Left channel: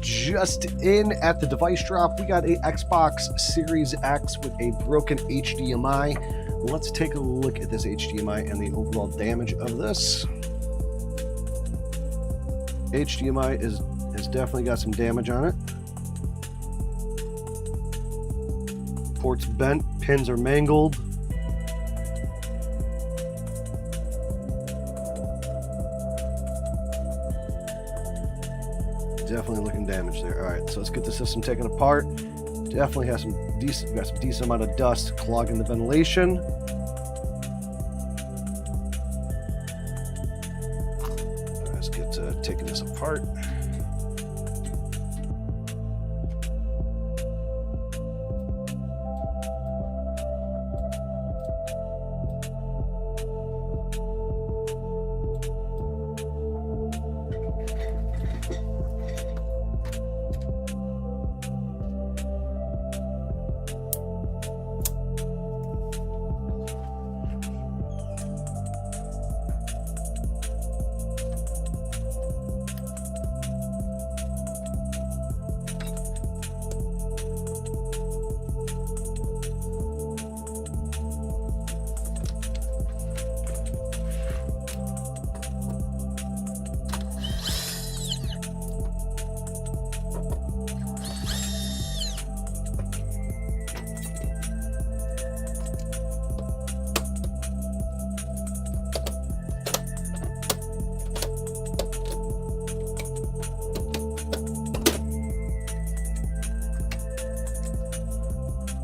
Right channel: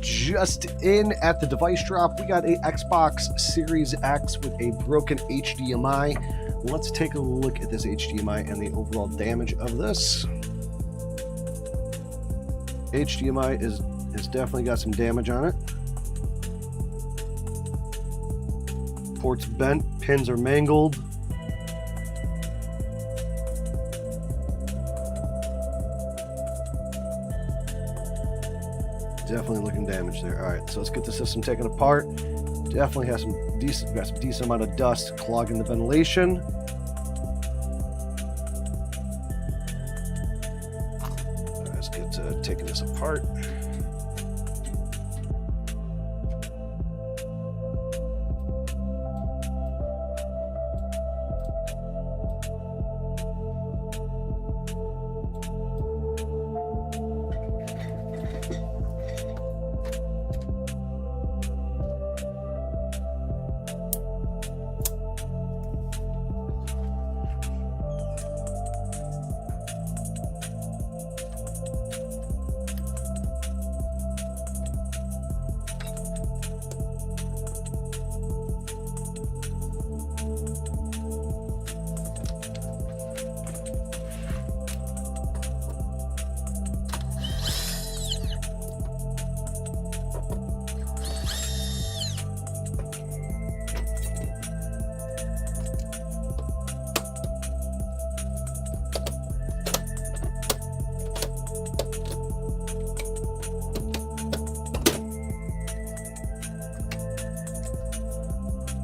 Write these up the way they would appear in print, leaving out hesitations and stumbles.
Just in at the device drop, we got a Xbox Series X with a broken HDMI. Let's take a look at this HDMI and the overall damage of this. HDMI has definitely got some damage on it. Ports bent, pins are mangled. Definitely looking damaged there. All right, so let's get the system taken apart. Definitely has some decent amount of dust clogging the ventilation. Let's get taking this apart.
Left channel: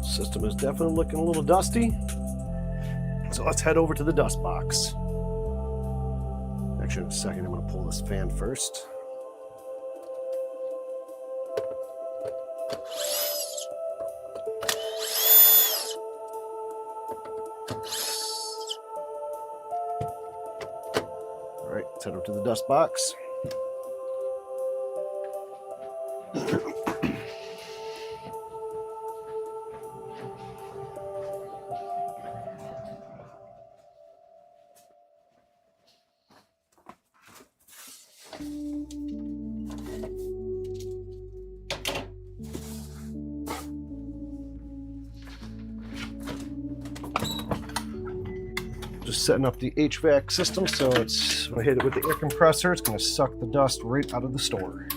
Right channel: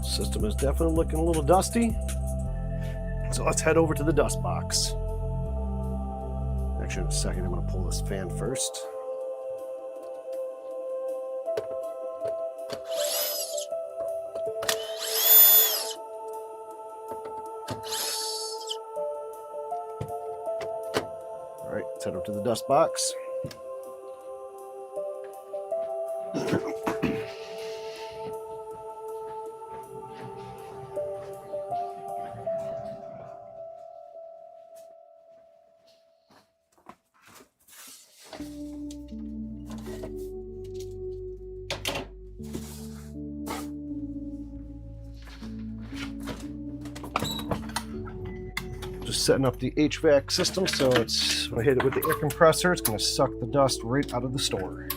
System is definitely looking a little dusty. So let's head over to the dust box. Actually, in a second, I'm going to pull this fan first. All right, let's head over to the dust box. Just setting up the HVAC system, so it's when I hit it with the air compressor, it's going to suck the dust right out of the store.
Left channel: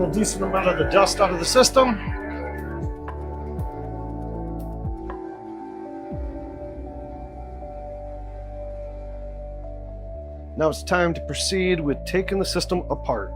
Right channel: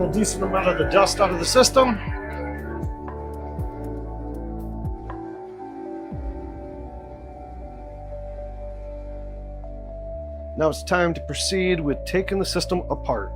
A decent amount of the dust out of the system. Now it's time to proceed with taking the system apart.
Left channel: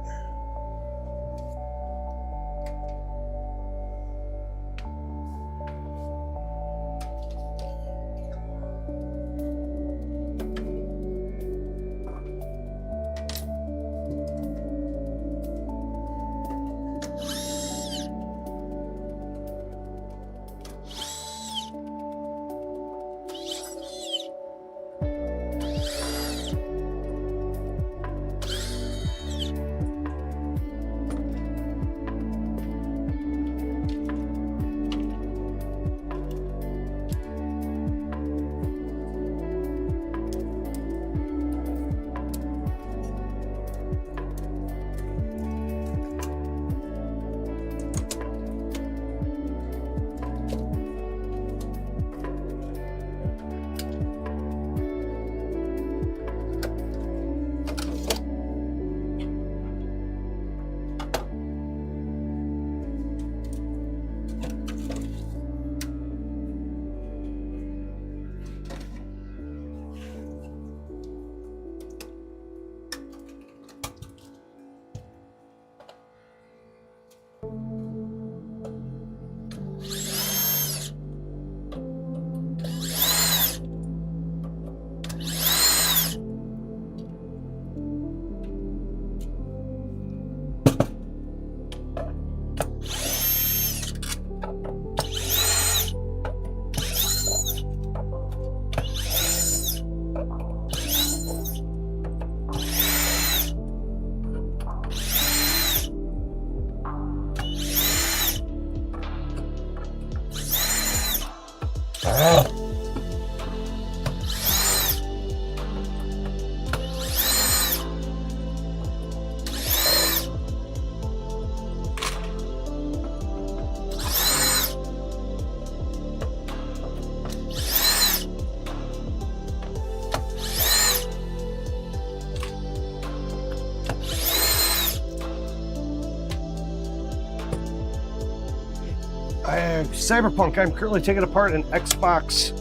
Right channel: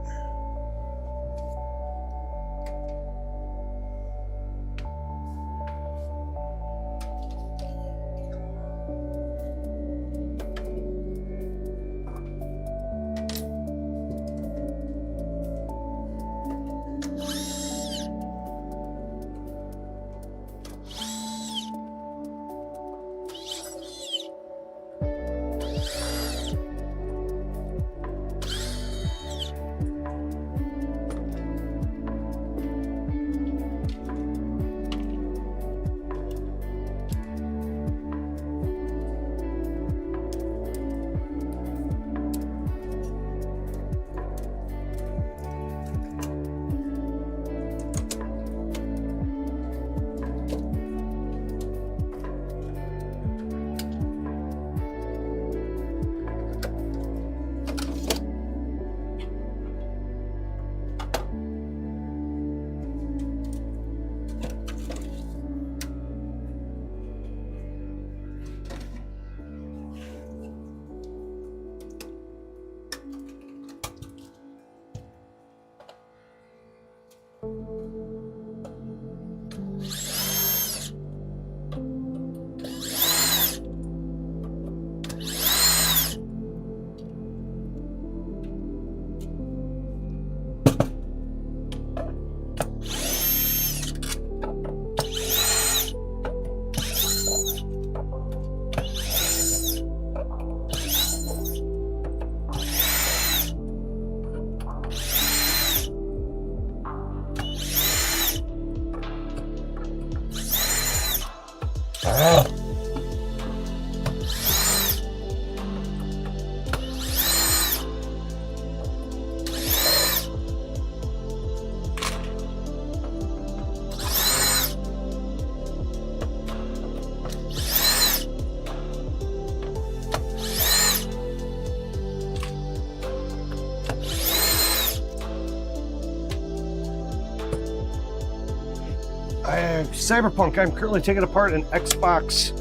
Cyberpunk, I'm currently taking apart an Xbox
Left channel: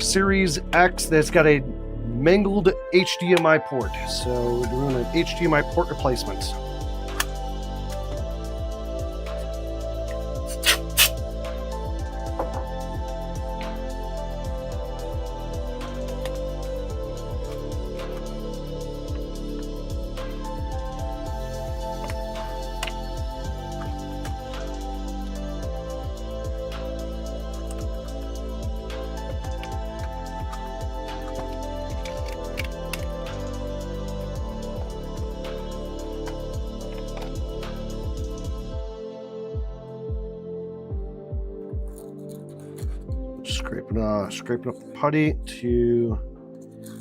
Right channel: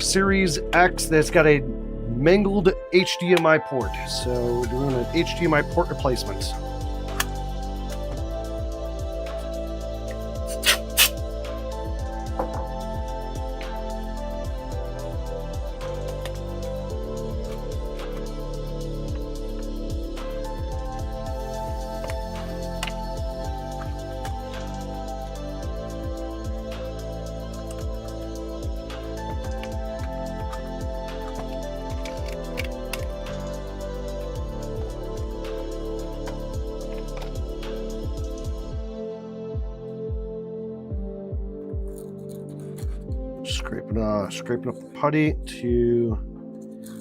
Series X that's got a mangled HDMI port. So we're doing an HDMI port replacement. Scraping up the putty to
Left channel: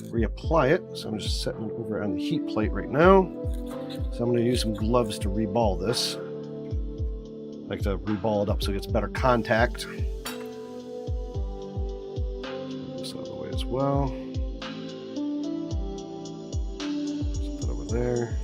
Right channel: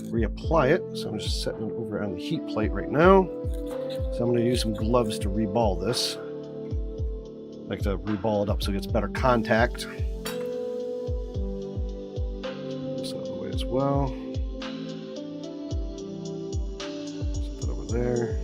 reapply it. So I'm just setting it over on the heat plate right now. So I'm going to use some gloves to reball this. I like to reball it up so it gets better contact. Let's move this out of the way as well. Set that over there.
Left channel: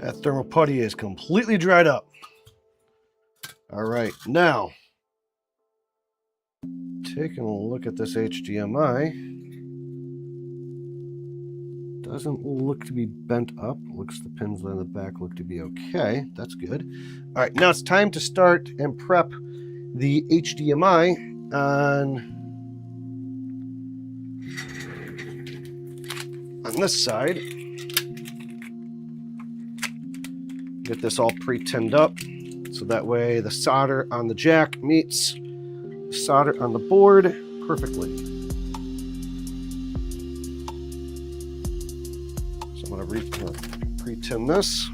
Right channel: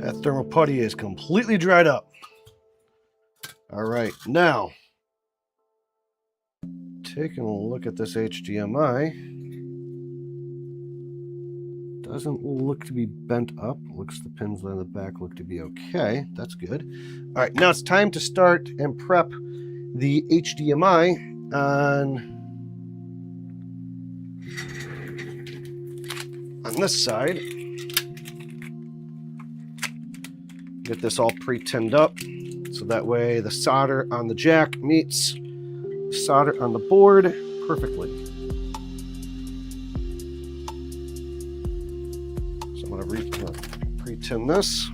That thermal putty is completely dried up. All right, now taking a look at this HDMI. Doesn't look to be bent up. Looks the pins on the back look to be okay. That's good. All right, now it's time to start and prep the HDMI on this side. Get this all pre-tinned up so that way the solder on the jack meets the solder on the board perfectly. So I'm going to pre-tin this.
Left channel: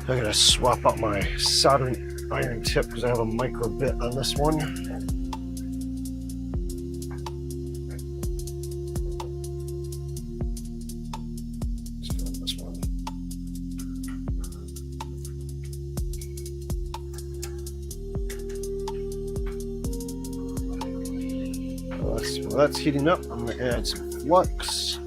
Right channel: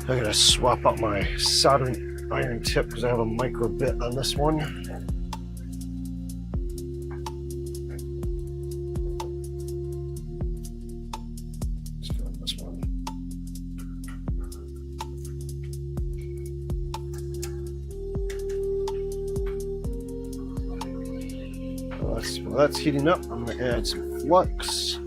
I'm going to swap out my soldering iron tip because I have a micro bit on this one. While that's heating up, I'm going to add some flux.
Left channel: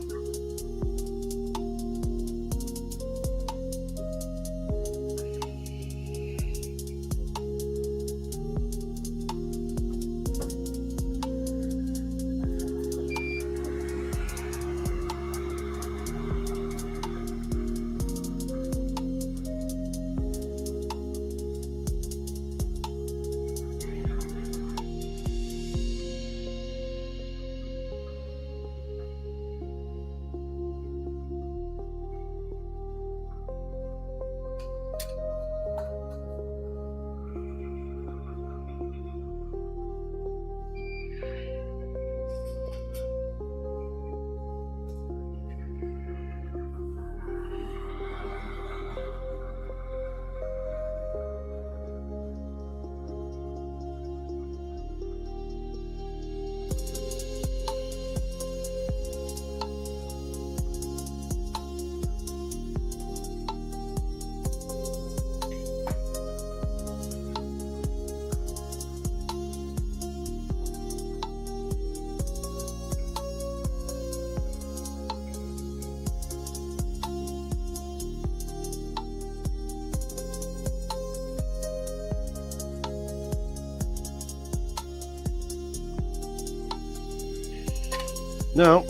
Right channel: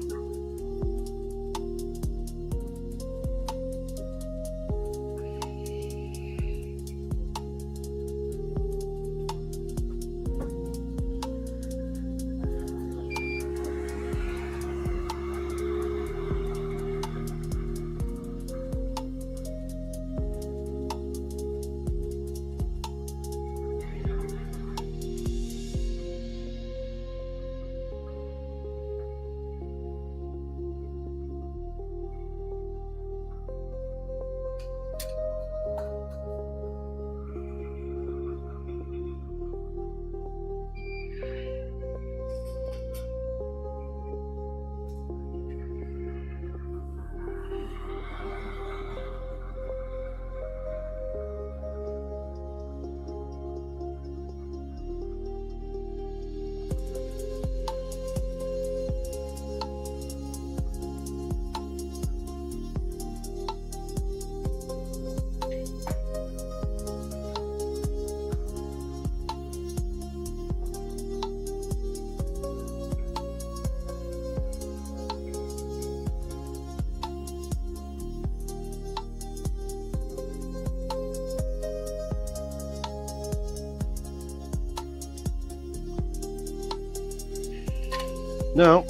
Now,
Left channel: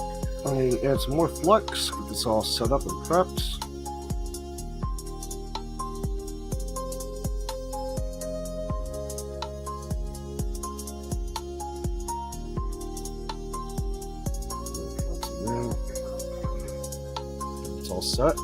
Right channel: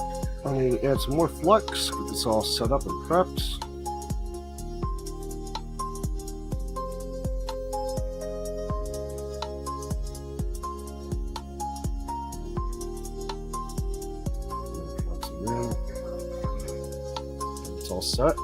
I need to add some more flux, get this all set up and prepped. Yeah. It's all set.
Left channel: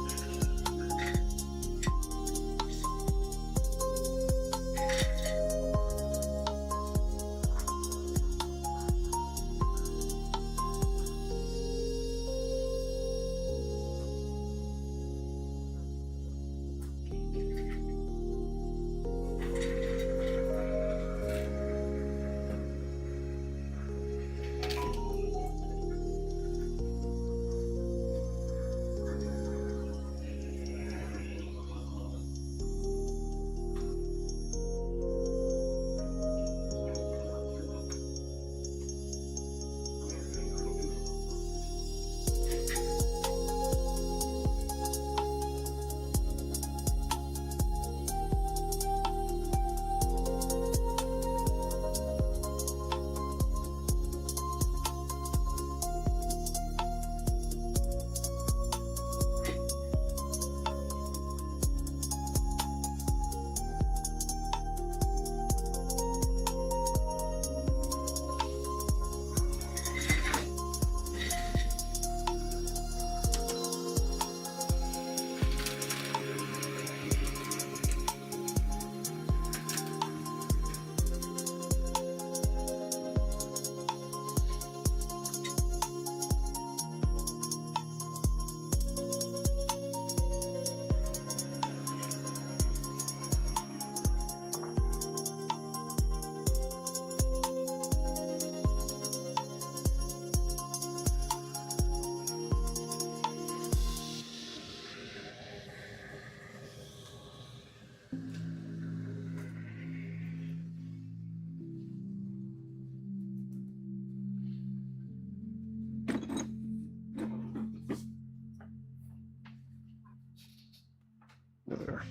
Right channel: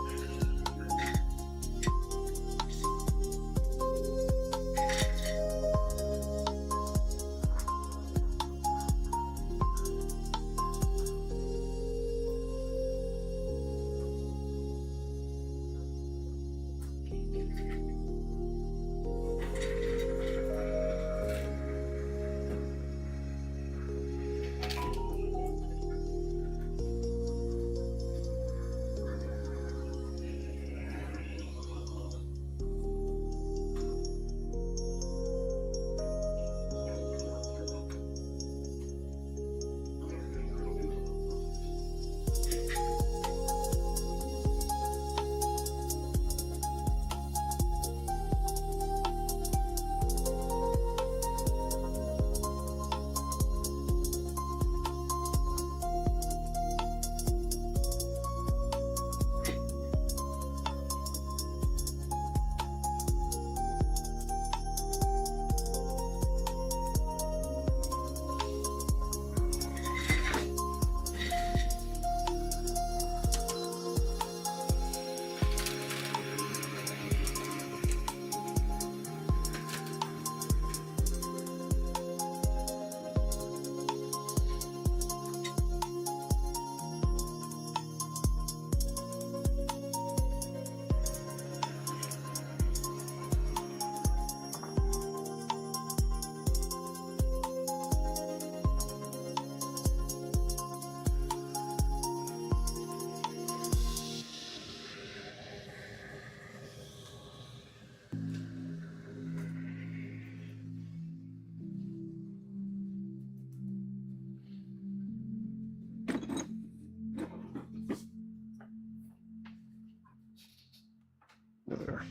There.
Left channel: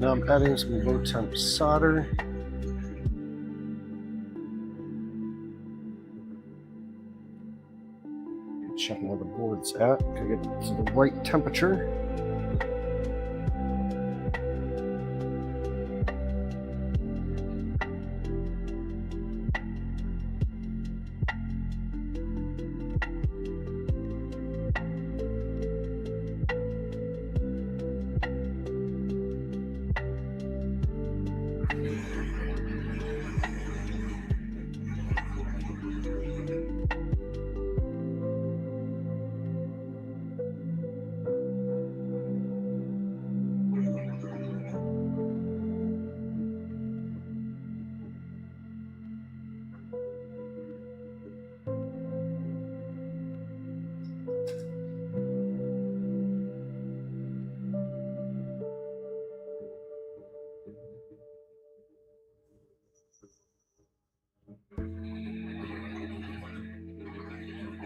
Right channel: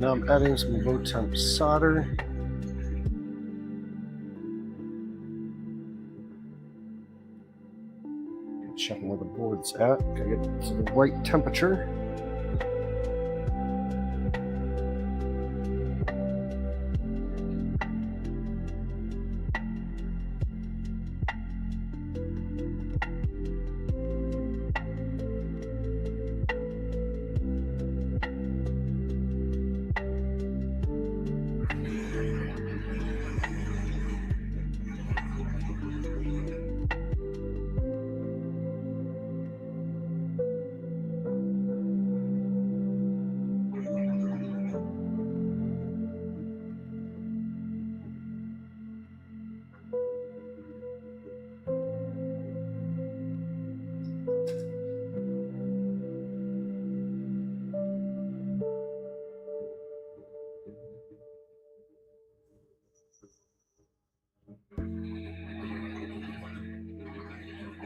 Now I'm adding some low temp solder. Checking where the board's at. Gotta get to the right temperature.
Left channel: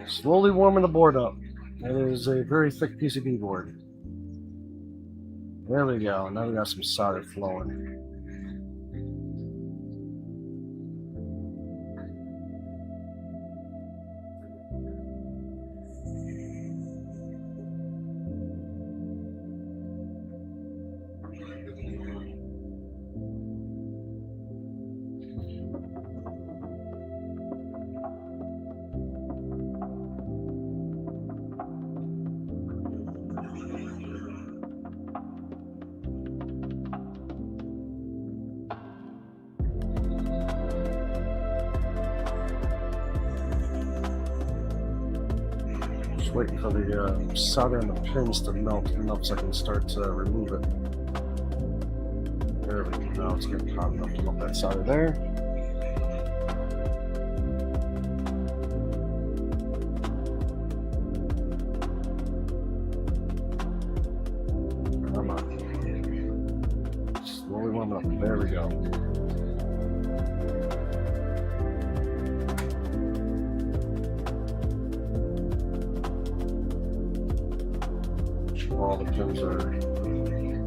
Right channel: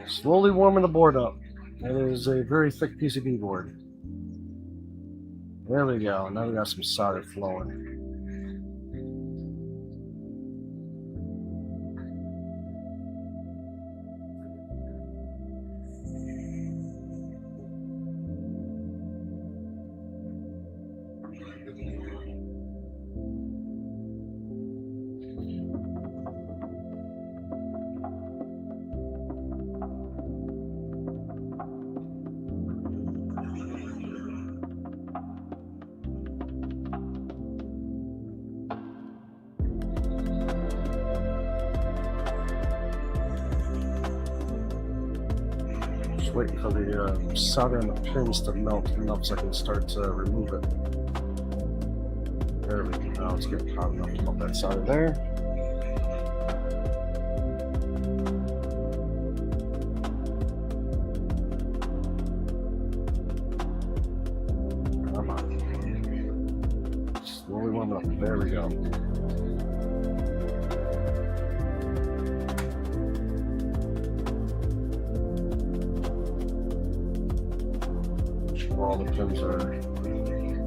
Slowly warming the board up. It is a very thick PCB board. There we go. Now we got some solder flowing. waiting for the solder and the pins to melt enough so I can start to remove it. There we go. Now it's getting hot enough to melt that solder there. Come on. Slowly warm up. There we go. All the pins are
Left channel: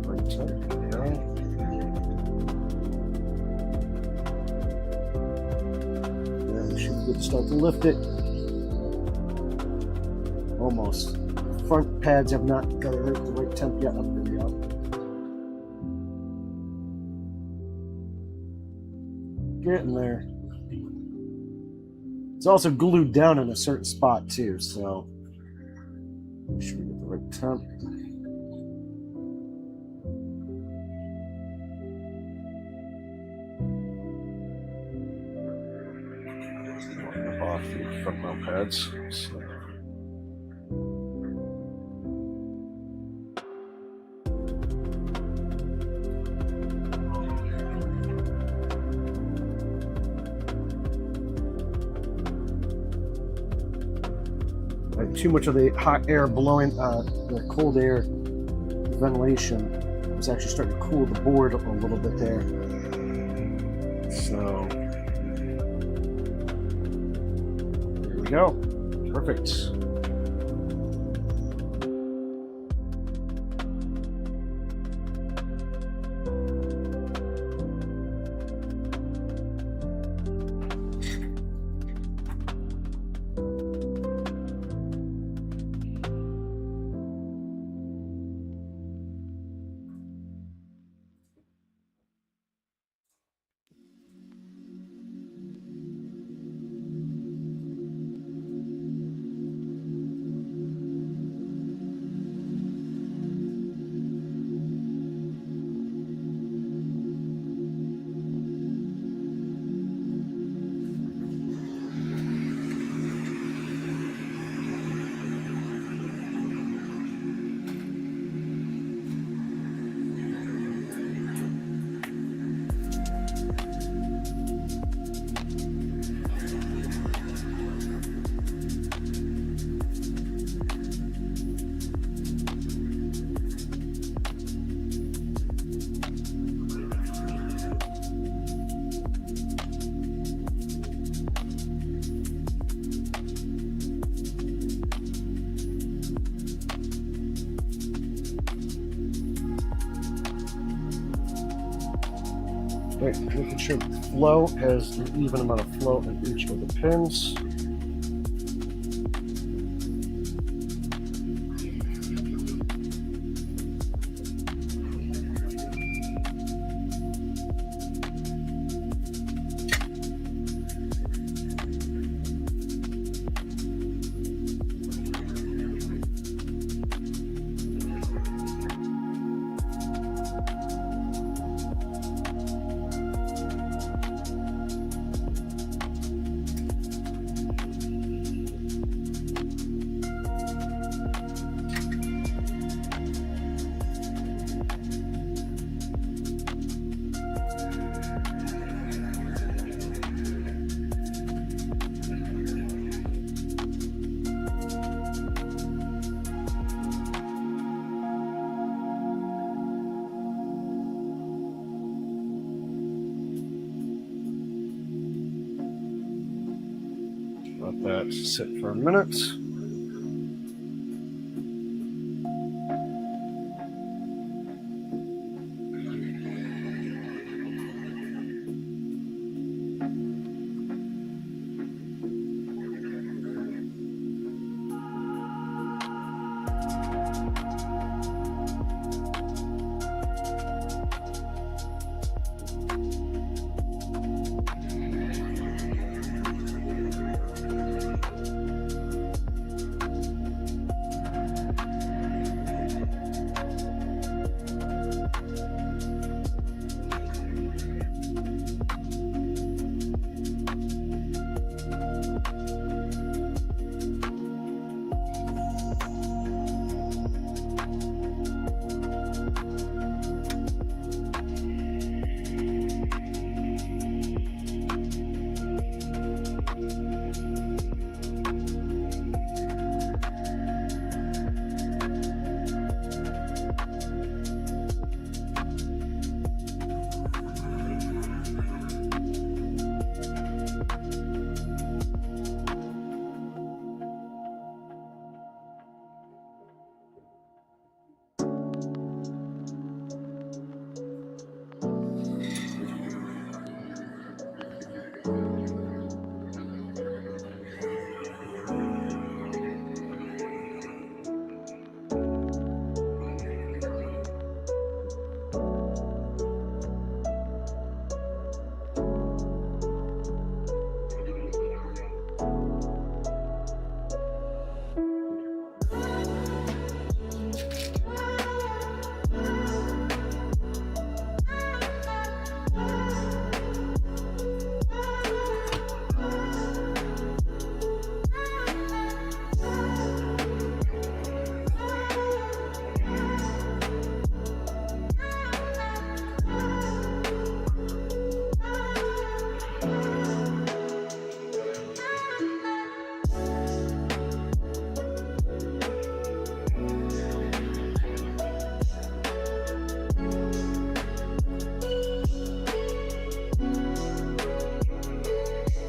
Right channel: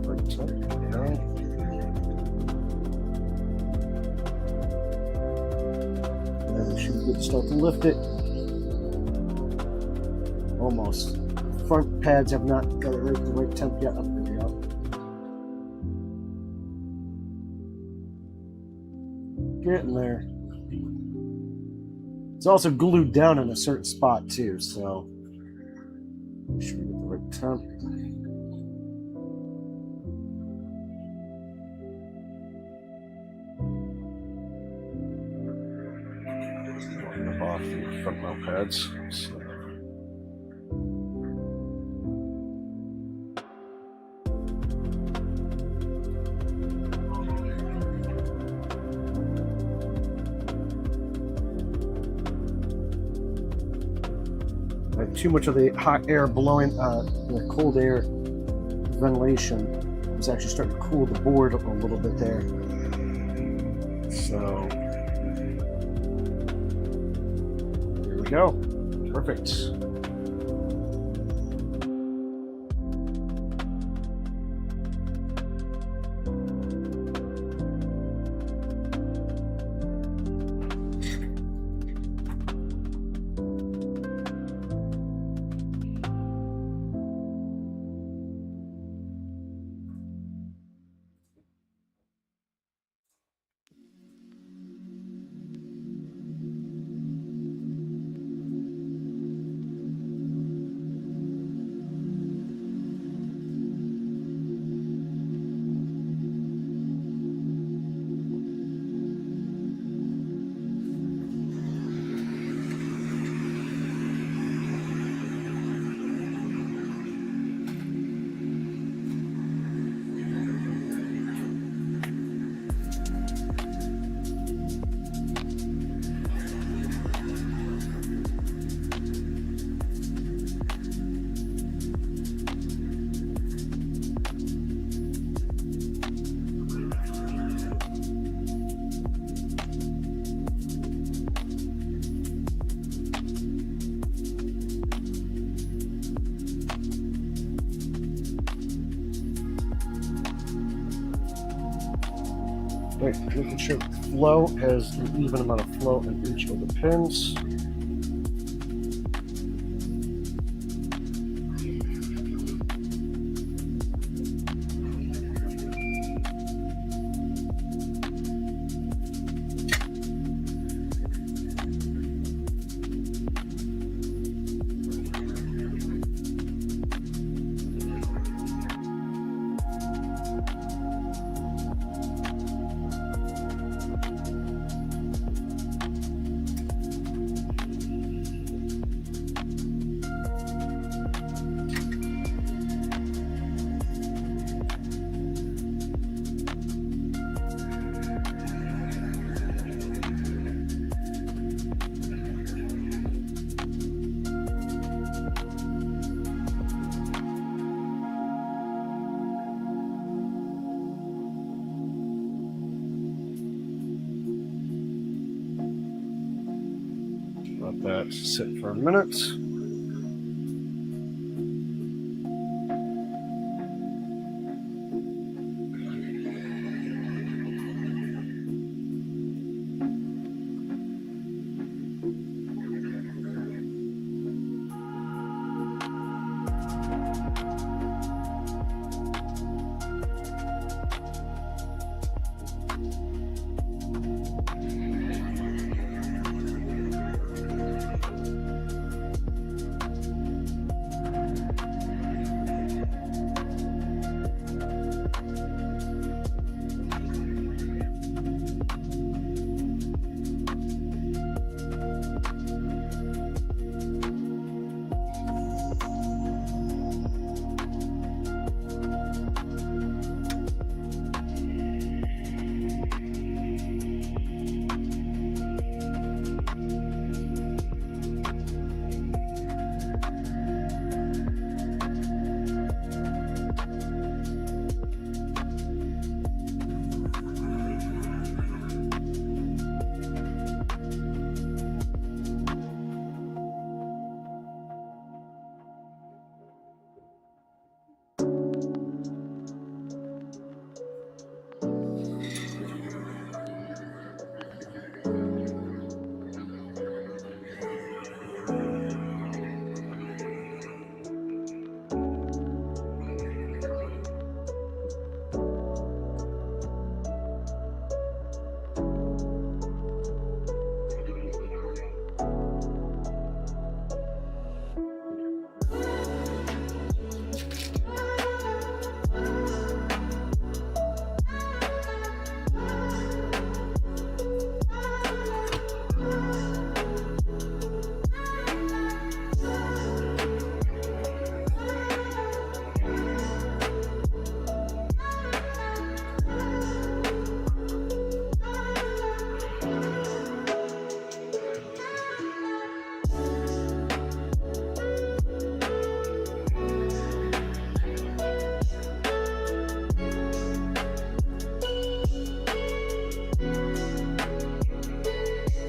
right tight. Okay. Yeah, we should be good to start to lift it. Almost. The front pads have not got it right the right temp yet. Up there we go. Getting there. It's also glued down in a certain spot too, so make sure we get the right temp. Rip off the front mount pads. So. I have too much of the hot air blowing, the cold air ventilation was actually starting to cool the board a little bit there. So there we go. Perfect. Right, making sure the flow has an even amount of flow in each of the pins. Let that sit for a minute.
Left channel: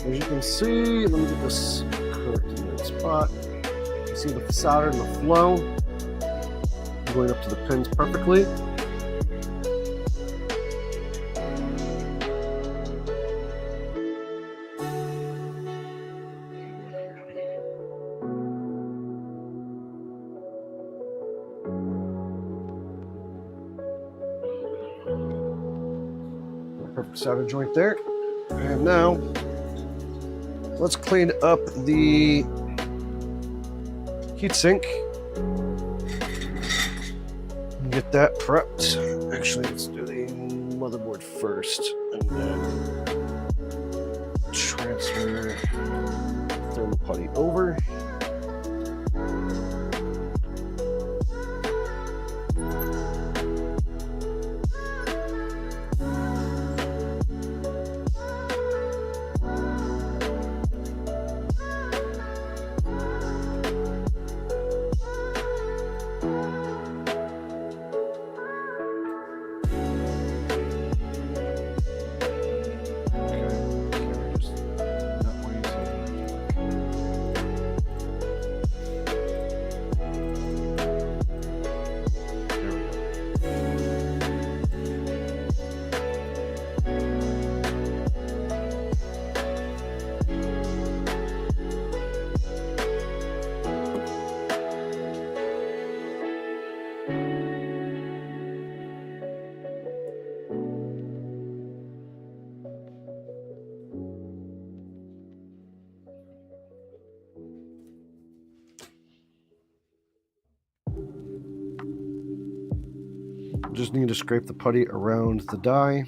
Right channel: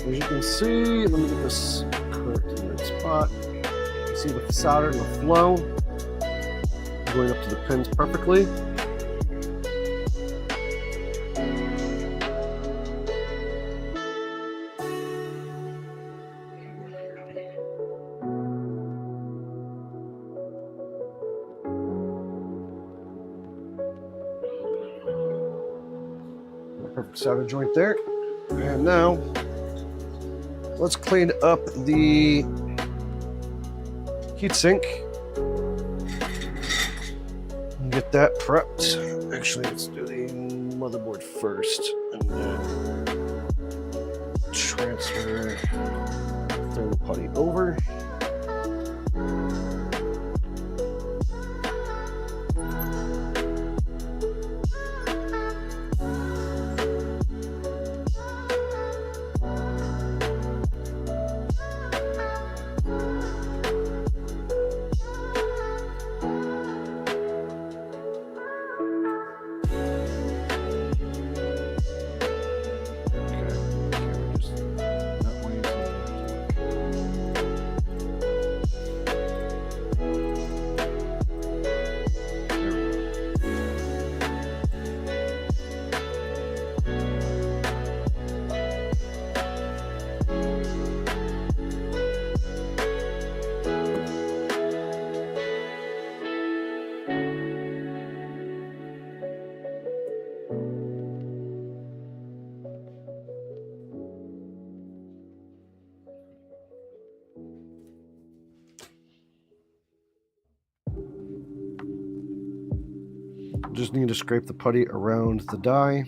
As you can see, let me get this correct in the right spot. You can see the solder and the flow going up to the pins perfectly. Perfect solder joint there. And now let's clean up the heatsink and get that prepped. Actually, let's do the motherboard first and then transfer thermal putty over. Just need to scrape the putty around the die.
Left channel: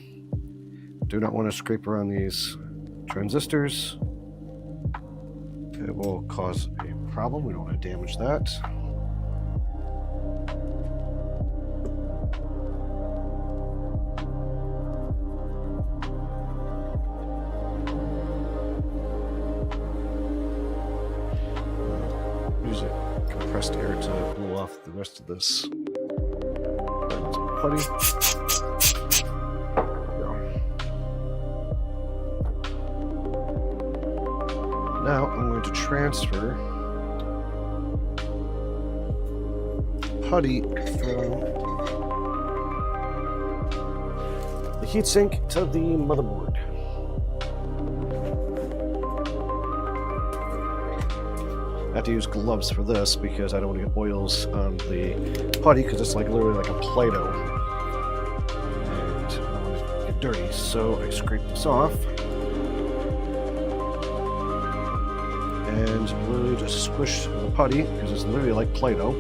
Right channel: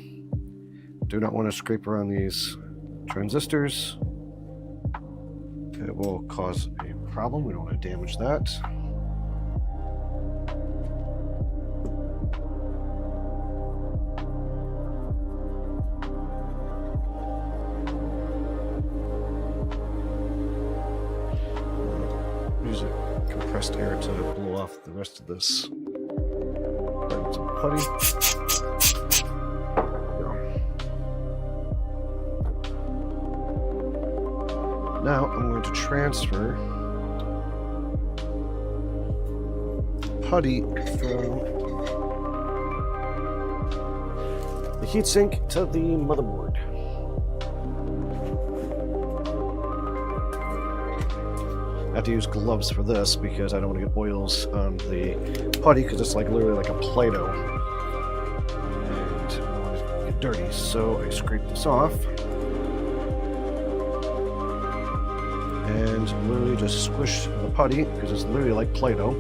Do not want to scrape around these transistors. It will cause a problem. We don't want to damage that. I'm going to use compressed air to blow off the rest of this putty. There we go. Now I'm going to transfer putty from the heatsink to the motherboard. I have to use gloves for this because I don't want to get oils on the putty because it's like literally like a Play-Doh. And I don't want to get dirty, so I scrape this off. And literally just squish the putty because it's literally like Play-Doh.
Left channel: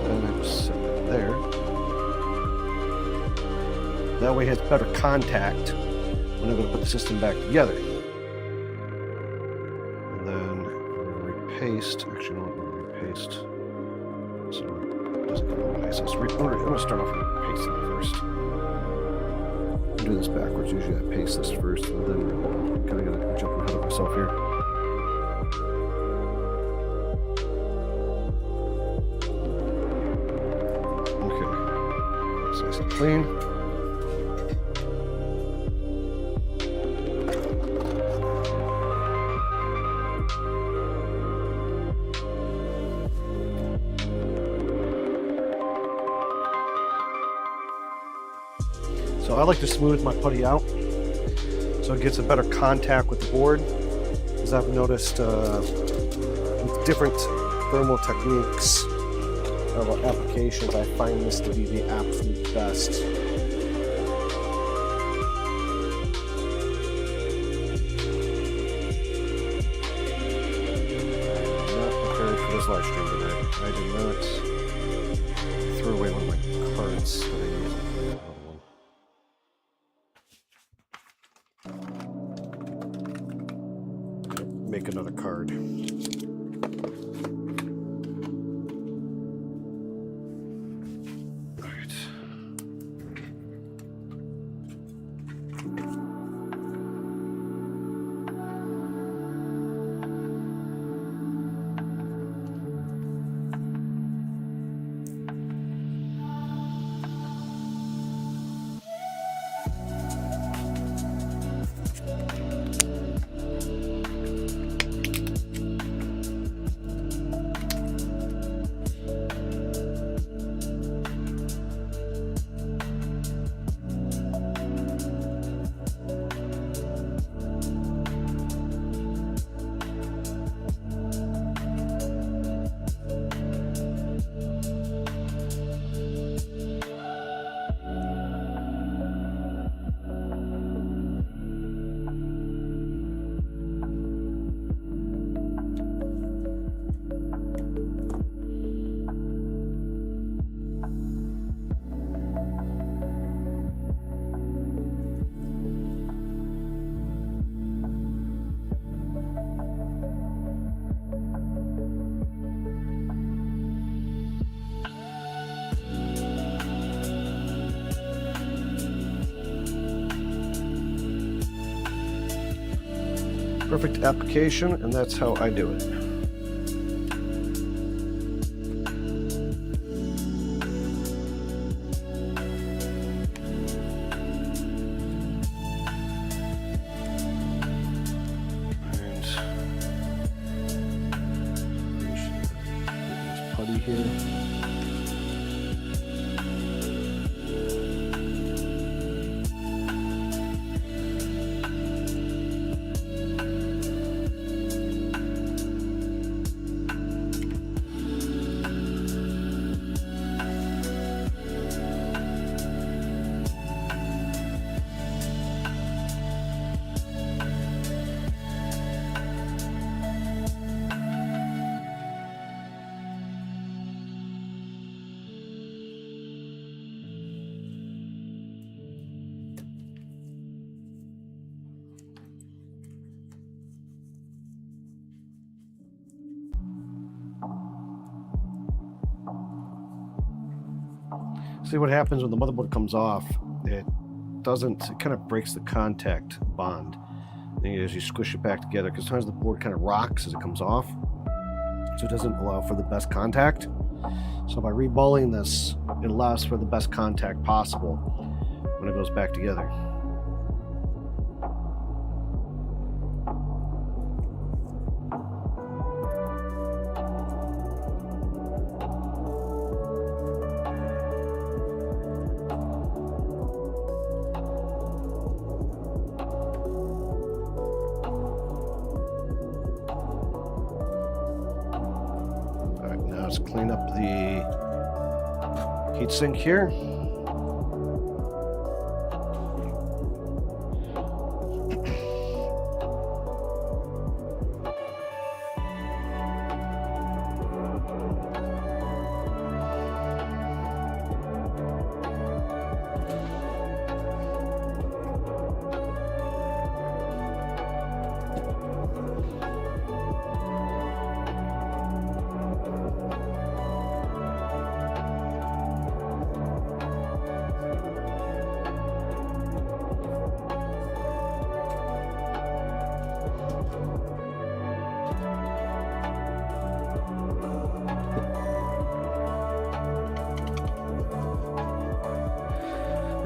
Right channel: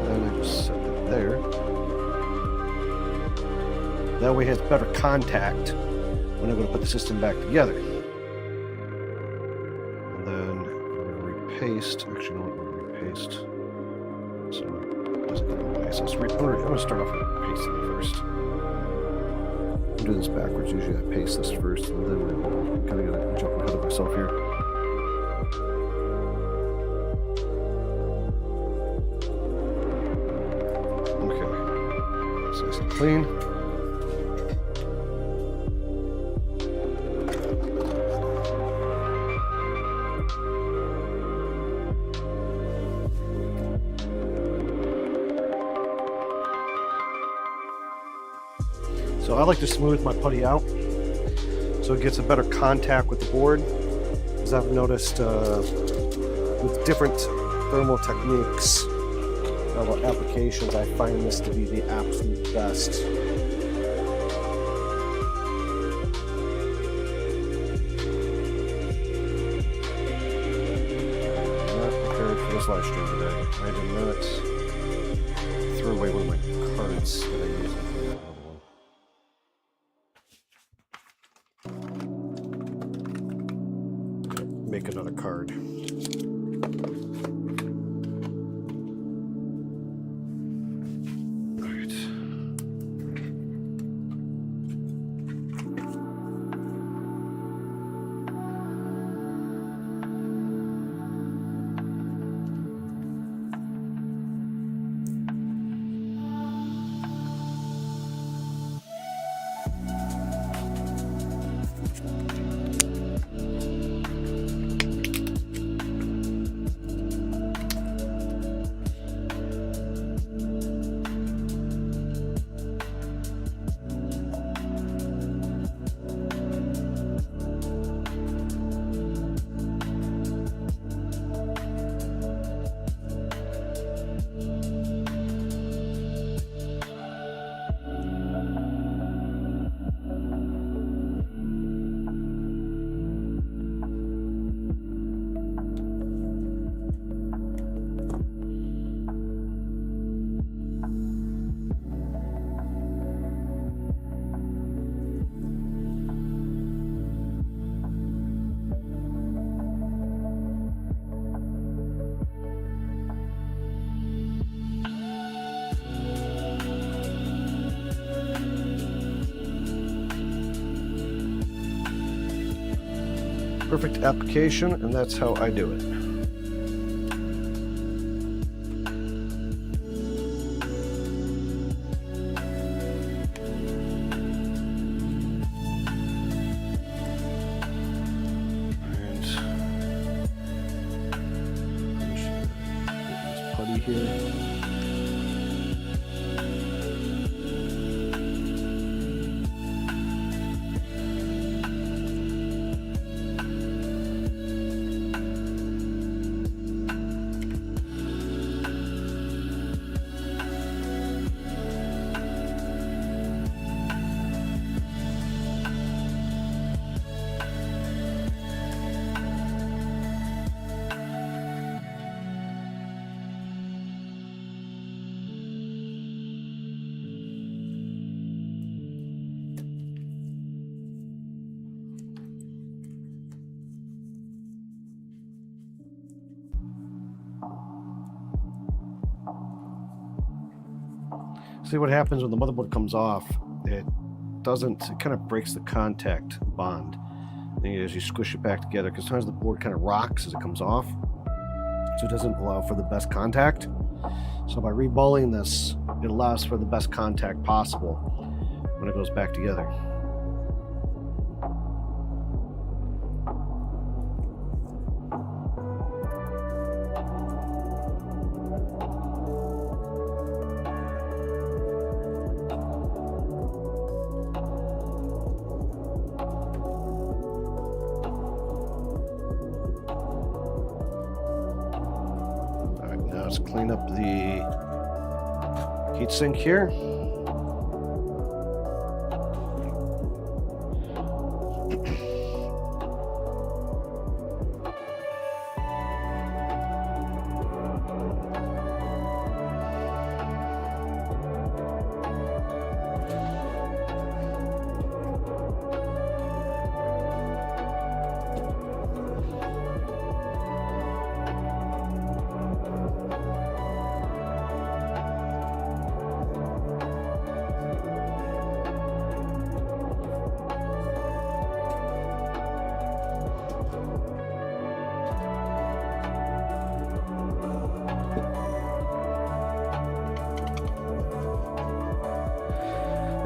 Then I just set that there. That way it has better contact when I'm going to put the system back together. And then we're going to repaste. Actually, you know what? I'm going to repaste so it doesn't get in the way. So I'm going to start off with pasting first. I'll do this backwards. Usually I paste this first and then reball. I'm kind of going to jump ahead of myself here. Okay. That's nice and clean. So I like to smooth my putty out so it gets a better contact with the board, because I've noticed with different thermal techniques of applications, I find this to be the absolute best. I am not prepared for this live stream today. I did not. I threw away one of my cards that I use. I'm sure I have another one. Make another card. All right. Perfect application, and that's how I do it. And finish this putty here. See what happens when the motherboard comes off. It kind of breaks the contact bond as you squish it back together, because sometimes the board kind of rocks as it comes off, so it doesn't allow for the best contact. So by reballing this, it allows for the best contact possible when it goes back together. Now let's clean up the heatsink here.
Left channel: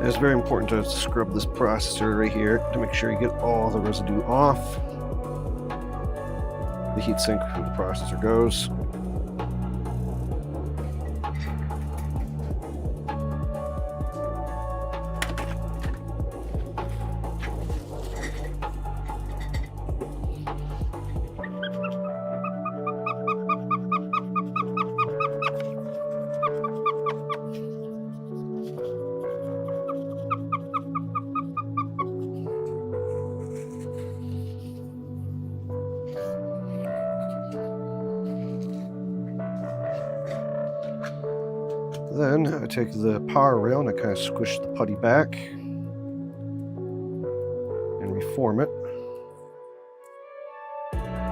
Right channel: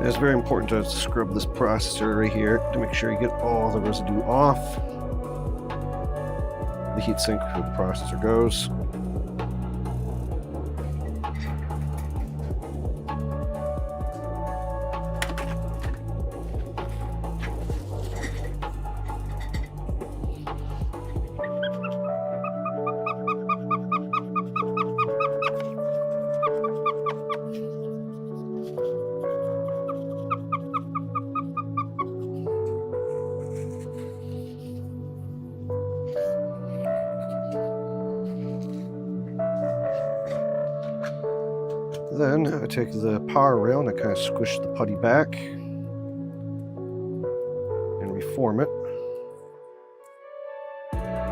It's very important to scrub this processor right here to make sure you get all the residue off the heatsink where the processor goes. Then I take the power rail and I kind of squish the putty back and reform it.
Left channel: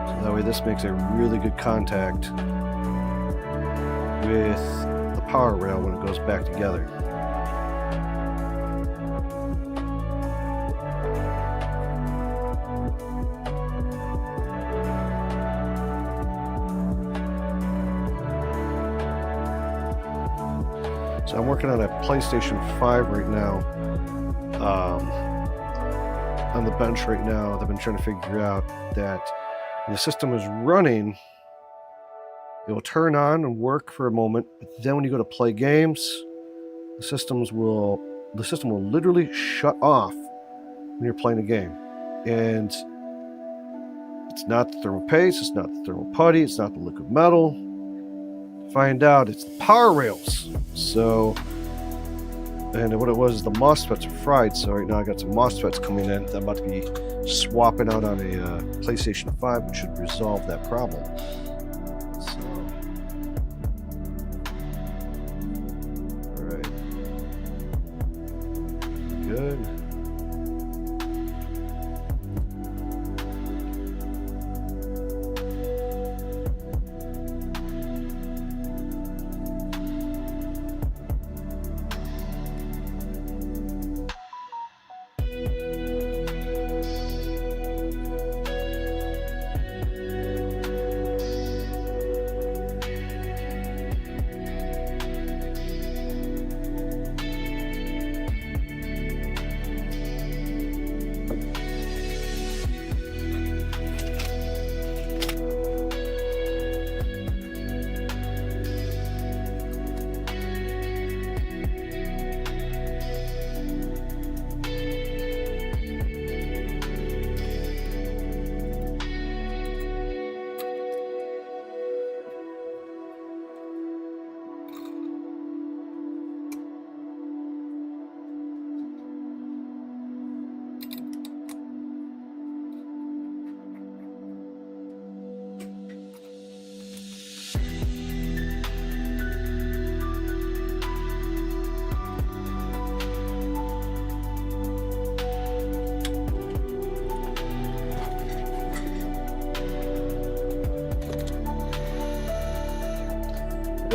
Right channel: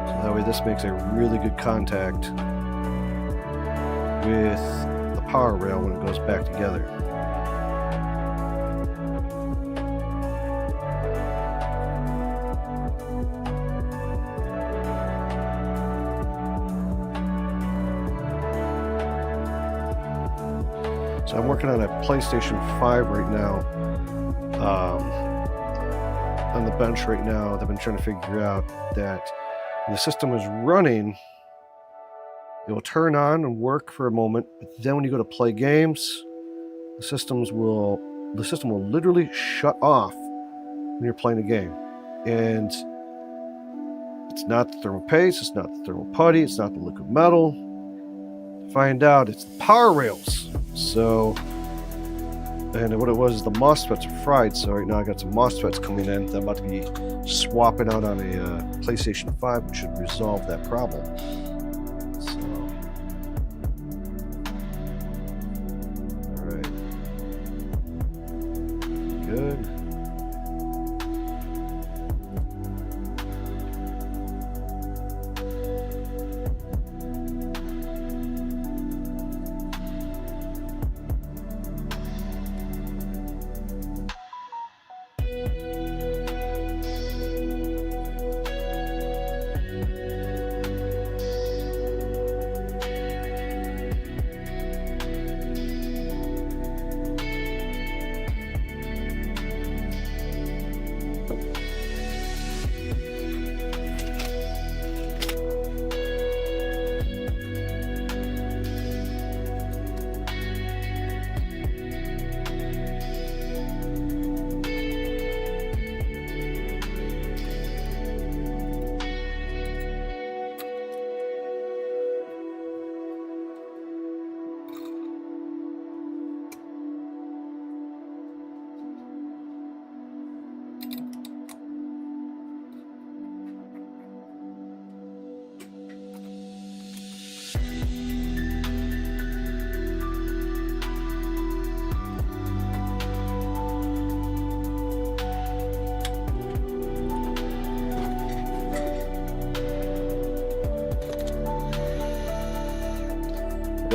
So that way this makes a really good contact with the power rail when it goes back together. So I'm working on a PlayStation 5 right now, on the bench right now. They've been trying to figure out that when the system is running, it will turn on and work for a moment, but then when you go to play games, the system will literally shut off when you're playing a game. And it's not the thermal paste, it's not the thermal putty, it's not the liquid metal. Find out it's the power rails. So, and what it was is the MOSFETs are fried. So right now I got some MOSFETs coming in that I'm about to be swapping out on a PlayStation 5, which should resolve that problem. So, all right, good.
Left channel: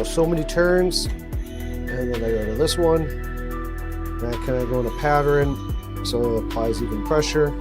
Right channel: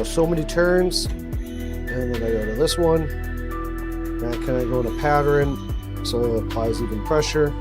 go so many turns, and then I go to this one, and I kind of go in a pattern so it applies even pressure.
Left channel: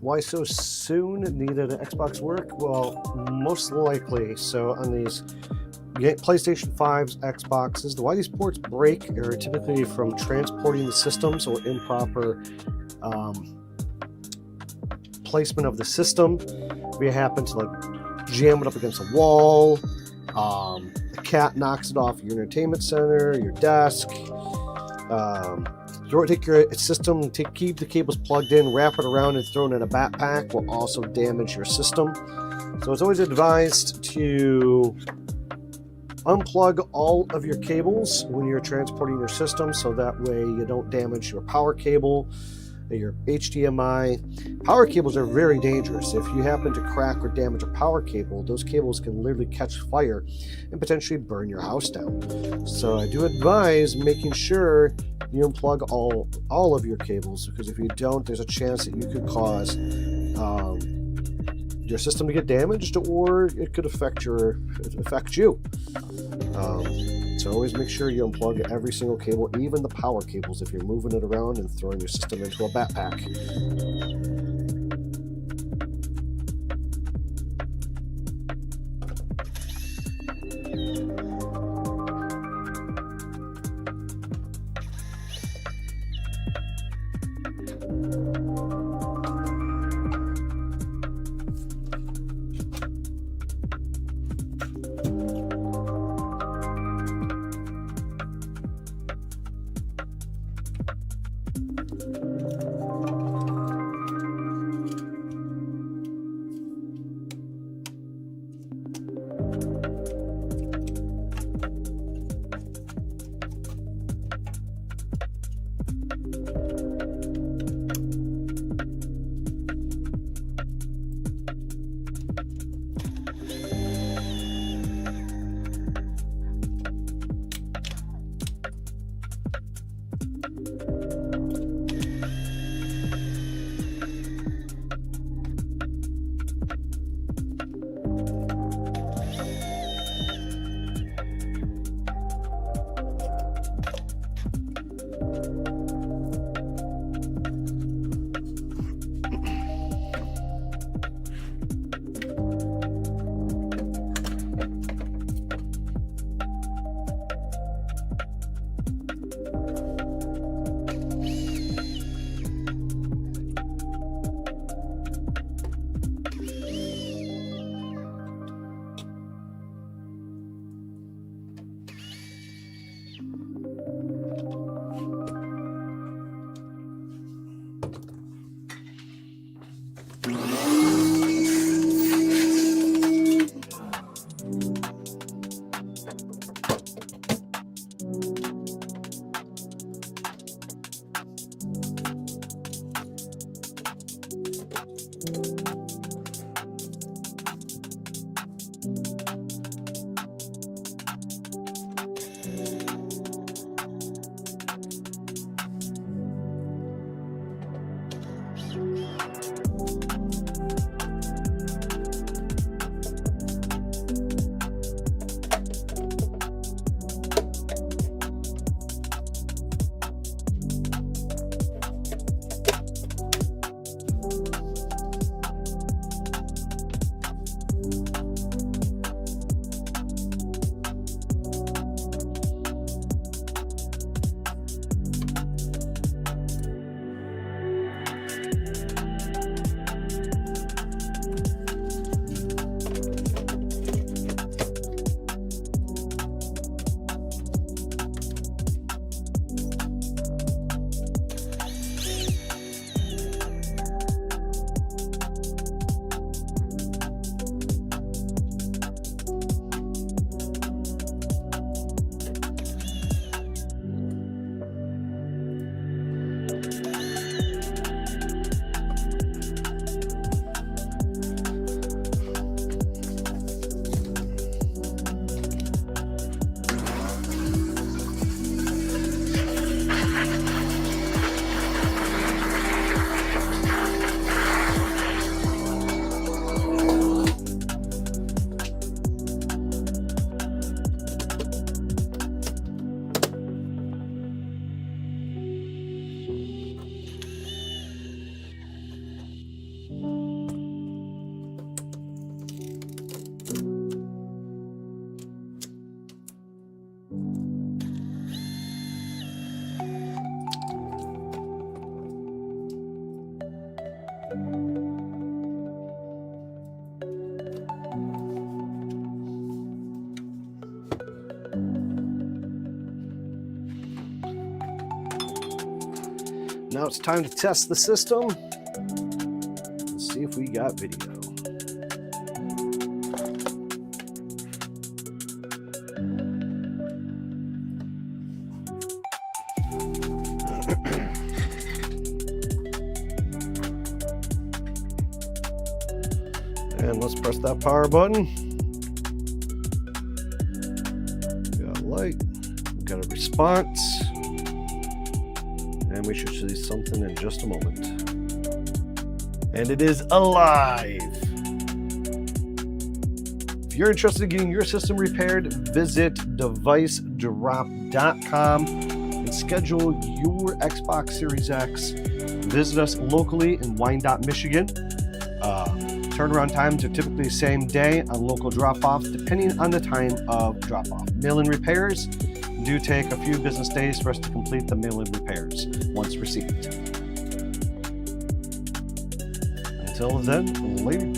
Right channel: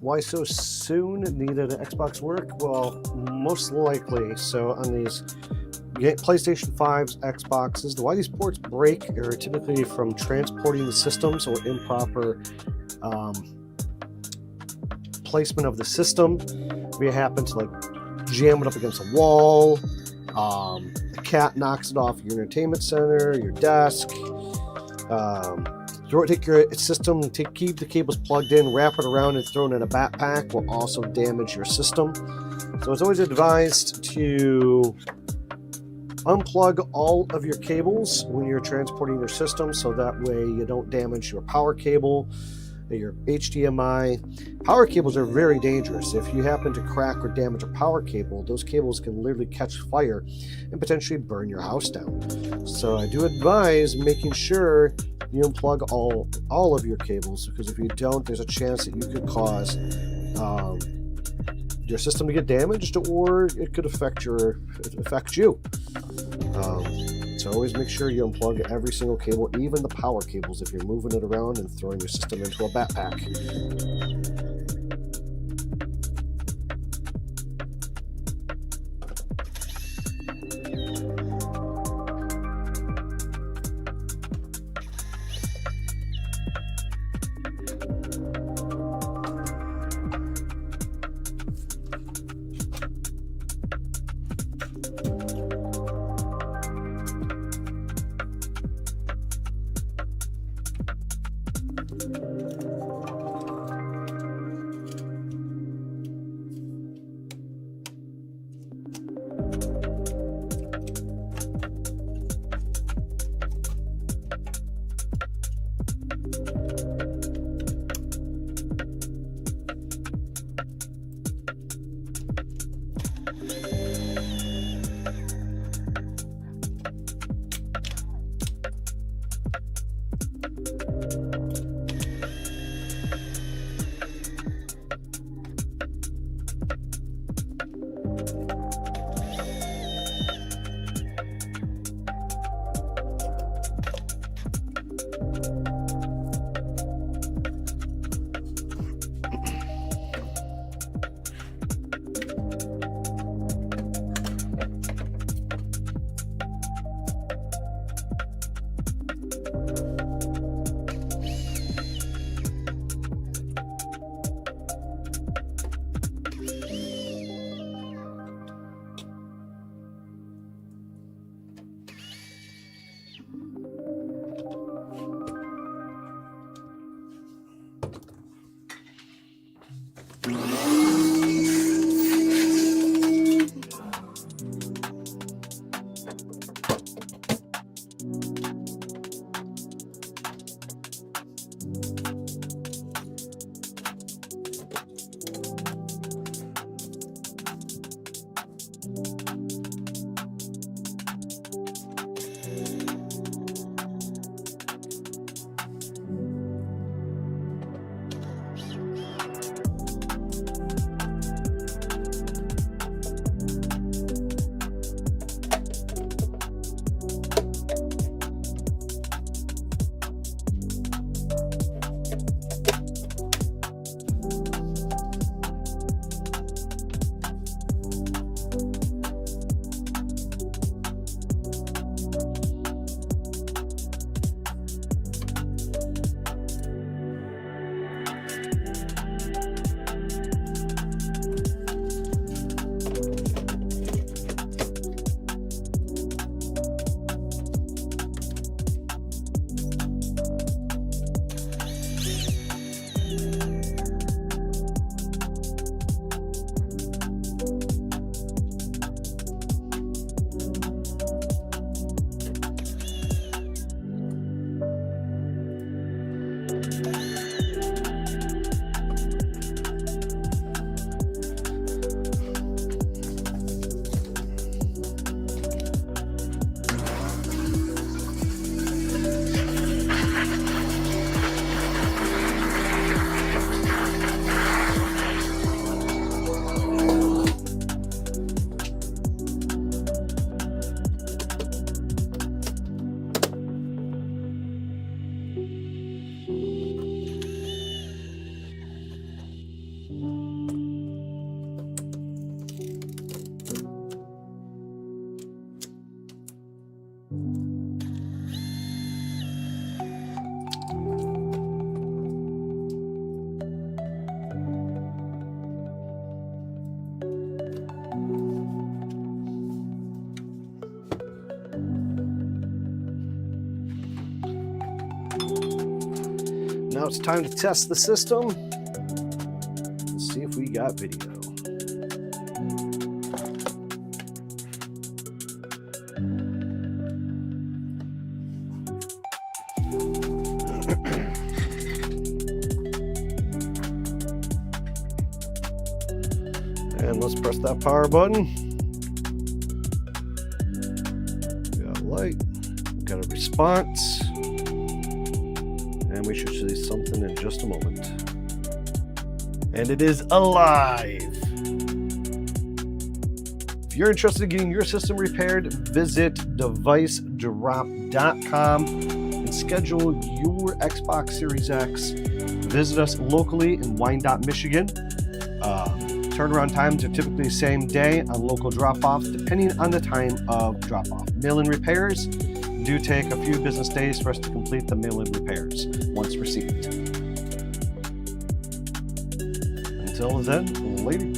Why so soon? Needed an Xbox work? Well, most likely. So on these PlayStation 5s, Xboxes, why these ports break are typically from transporting the systems or improper placement of the system. We happen to like jam it up against a wall. The cat knocks it off your entertainment center, your desk. Take your system, keep the cables plugged in, wrap it around and throw it in a backpack will also damage your system. So it's always advised to unplug all of your cables when you're transporting your system, so that way you don't damage your power cable, your HDMI. Power cables are very dangerous. If you happen to crack or damage a power cable, those cables can literally catch fire and potentially burn your house down. So I do advise making sure you unplug all of your cables, because if you don't, there's a chance that you could cause your system to get damaged, or it could affect you. So always make sure you unplug every single cable, even the power cables, if you're moving it around and throwing your system into a backpack. Now it's time to test the system and see if we got video. And let's press that power button. We got a light, we got a response, and we should see something in just a moment. And it is alive. If you're interested in getting your system repaired, visit devicedrop.com and schedule your Xbox Series X. Visit us locally in Wyandotte, Michigan. Turnaround times are typically the same day on local drop-offs, depending on the time of drop-off. Mail-in repairs do take a few business days for us to complete the mail-in repairs once received. Until then, later.